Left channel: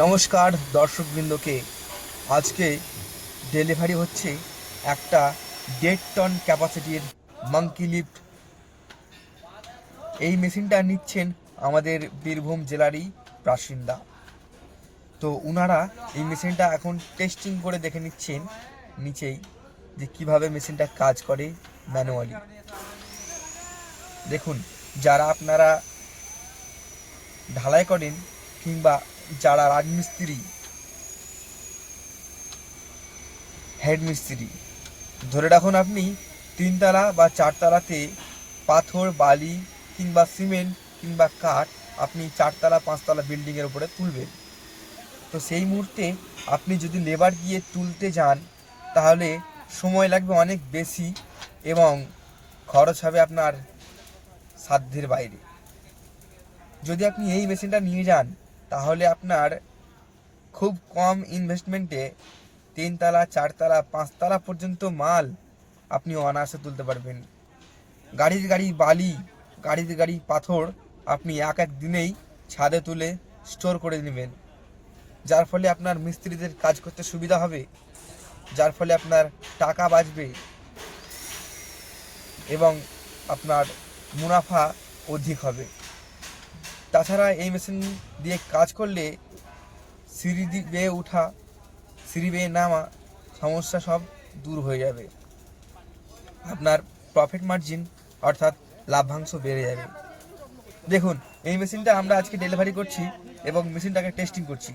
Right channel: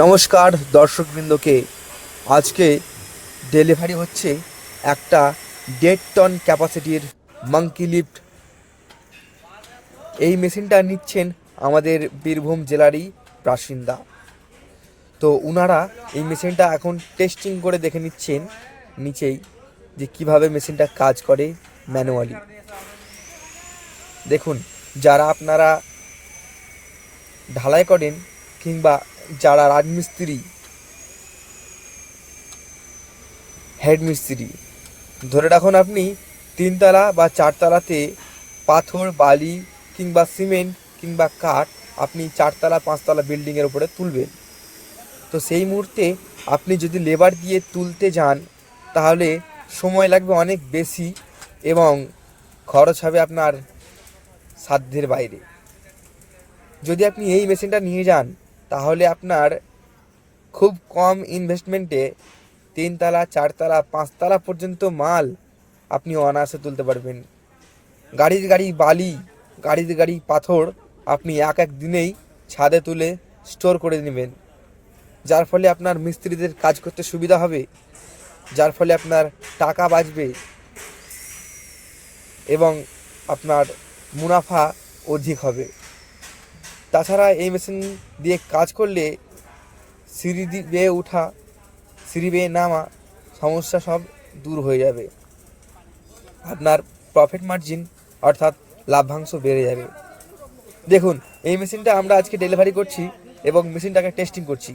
নমস্কার দর্শকবৃন্দকে। আজকে ডেলিভারি হচ্ছে একটা 1.5 টন ক্যাপাসিটির মাঙ্কি লিফট। এই মেশিনটা নিচ্ছেন আমাদের বীরভূম জেলারই বাসিন্দা। তো ওনারা এই মেশিনটা এখন টেস্টিং করে দেখে নিচ্ছেন নিচেই যে কিভাবে মেশিনটা কাজ করে ম্যানুয়ালি। দেখুন, যারা আপনারা ঢালাই করেন কিংবা যারা রাজমিস্ত্রি, হেড মিস্ত্রি, ধরে রাখুন আপনি 3 তলা বা 4 তলাতে পাথর, বালি কিংবা সিমেন্ট কিংবা কাঠ আপনি 4 তলা 5 তলা বিল্ডিংয়ের উপরে তুলবেন। তো সেই মুহূর্তে আপনি যদি লেবার দিয়ে তুলতে যান তাহলে সময় লাগবে অনেক বেশি এবং খরচ হবে আপনার সাধ্যের বাইরে। যদি আপনি এই মেশিনটা নিয়ে যান তাহলে আপনার খুব কম ইনভেস্টমেন্টে 3 তলা 4 তলা 5 তলা পর্যন্ত মাল আপনি অনায়াসে তুলতে পারবেন। গাড়ি বালি, গাড়ি পাথর আপনি এক দিনেই ছাদে তুলে স্টোর করে নেবেন, যার ফলে আপনার মিস্ত্রিদের কাজ করতে সুবিধা হবে, যার ফলে আপনার টাকা বাঁচবে এবং আপনার মুনাফা অধিক হবে। তাছাড়া এই মেশিন দিয়ে কাজ করলে সিঁড়ি বেয়ে ওঠা, সিঁড়ি বেয়ে নামা সমস্যা সব দূর হয়ে যাবে। আপনার প্রফিট মার্জিন অর্থাৎ লাভ্যাংশ বেড়ে যাবে। দেখুন, এই মেশিনটা আমরা আজকে ডেলিভারি করছি এবং মেশিনটাকে টেস্টিং করছি।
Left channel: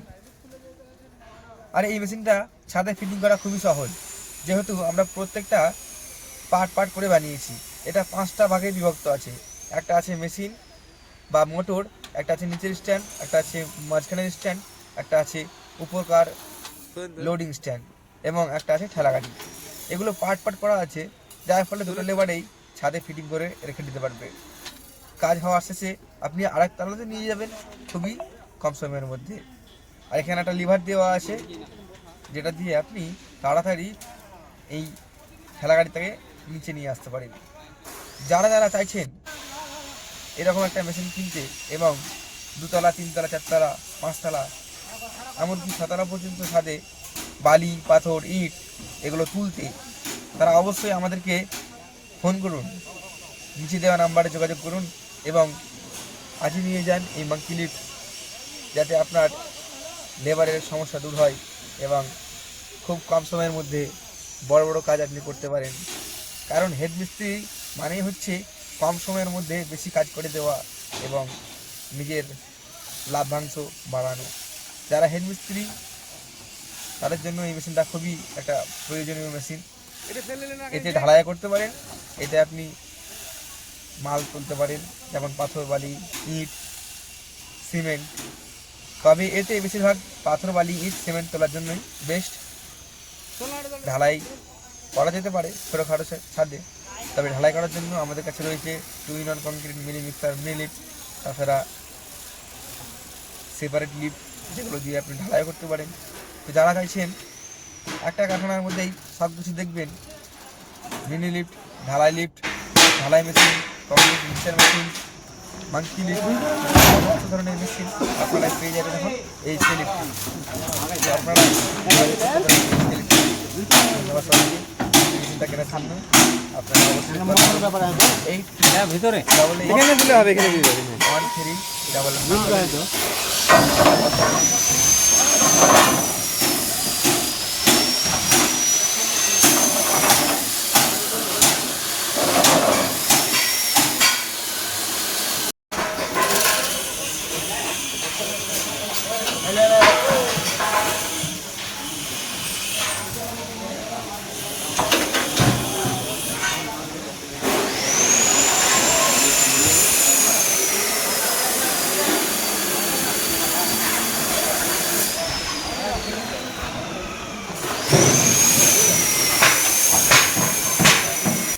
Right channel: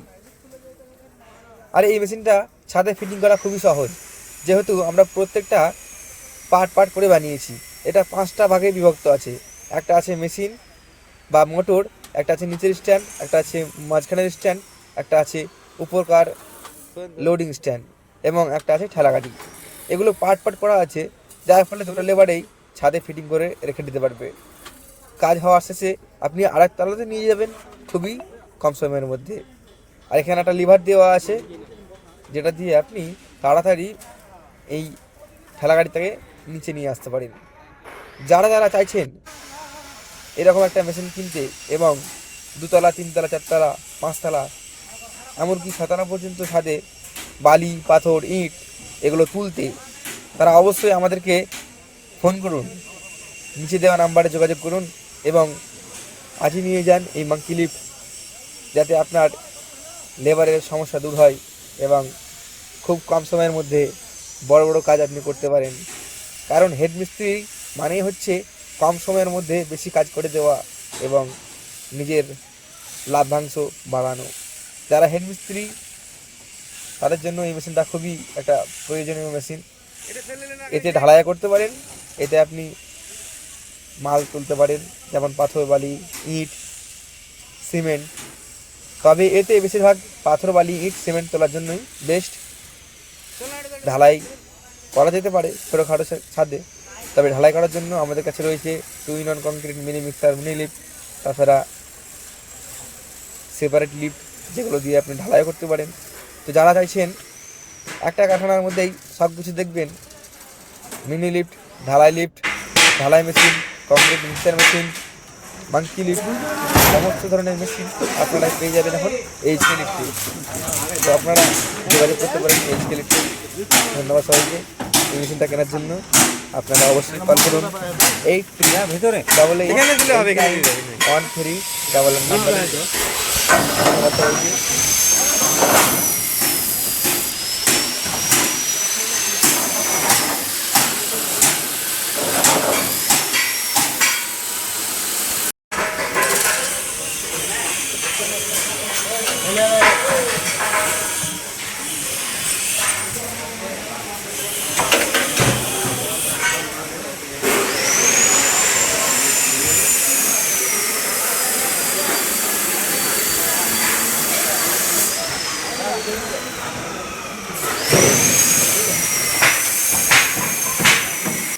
আর এই মেশিনটা ছাদে ফিটিং করা খুবই সহজ, যেহেতু আমরা প্রত্যেকটা পার্ট করে বানিয়েছি। এটা 5টা ভাগে বিভক্ত আছে। একটা আছে মেশিন বা মোটর, একটা আছে নিচের স্ট্যান্ড, একটা আছে মাঝখানের স্ট্যান্ড, একটা আছে উপরকার লোডিং স্ট্যান্ড এবং একটা আছে ঠেলা গাড়ি। এগুলো পার্ট করা আছে, যার ফলে দুটো লেবারেই ছাদে ফিটিং করে রেখে দিতে পারবে। কাজ হওয়ার শেষে আপনি আরেক তলাতে নিয়ে যাবেন খুবই কম সময়ের মধ্যে। আর এখানে একটা লিভার দেওয়া আছে, যেটা দিয়ে আপনি তাড়াতাড়ি এই ঠেলা গাড়িটাকে নিচে নিয়ে আসতে পারেন। যারা চাইছেন এরকম একটা মেশিন কিনতে এবং 2 তলা 3 তলা 4 তলা 5 তলা এমনকি 6 তলা পর্যন্ত ছাদে বালি, পাথর, ইট এগুলো তুলতে, তারা অবশ্যই আমাদেরকে ফোন করুন, নিচে দেওয়া নাম্বারে যোগাযোগ করুন এবং আজই নিয়ে যান এই মাঙ্কি লিফট, যাতে আপনার লেবারের সমস্যা দূর হয় এবং খুব কম সময়ের মধ্যে বড় কাজ আপনি করতে পারেন। কারণ হেড মিস্ত্রি মানেই হচ্ছে কম সময়ের মধ্যে বেশি কাজ করে দেওয়া এবং নিজের লাভ্যাংশ বাড়ানো। যারা হেড মিস্ত্রি তাদের জন্য এই মেশিনটা খুবই একটা প্রয়োজনীয় মেশিন। এতে ঢালাই করতে পারেন, এতে আপনি মাল তুলতে পারেন, যেমন পাথর, বালি, ইট, সিমেন্ট। তবে এতে বেশিরভাগ পাথর, বালি, ইট, সিমেন্ট তোলার জন্যই বেস্ট। ঢালাই করা যেতে পারে ছোটোখাটো ছাদে, তবে ঢালাই করার জন্য আমাদের কাছে রয়েছে 2-in-1 concrete mini mixer, mini lift, তাছাড়া সেপারেট লিফট, যেগুলো দিয়ে আপনি ঢালাই করতে পারেন। তো যারা চাইছেন একটা কারখানার মধ্যেই সব কিছু দেখবেন, মিনি লিফট, ঢালাই machine, concrete mixer machine, monkey lift, সমস্ত ধরনের মেশিন আপনারা পেয়ে যাবেন এখন এইচকে লিফটে। তো আপনারা যোগাযোগ করতে পারেন এইচকে লিফটে। ধন্যবাদ সবাইকে এই মেশিনটা কেনার জন্য। আপনারা অবশ্যই কল করুন 838813 1 3 ডাবল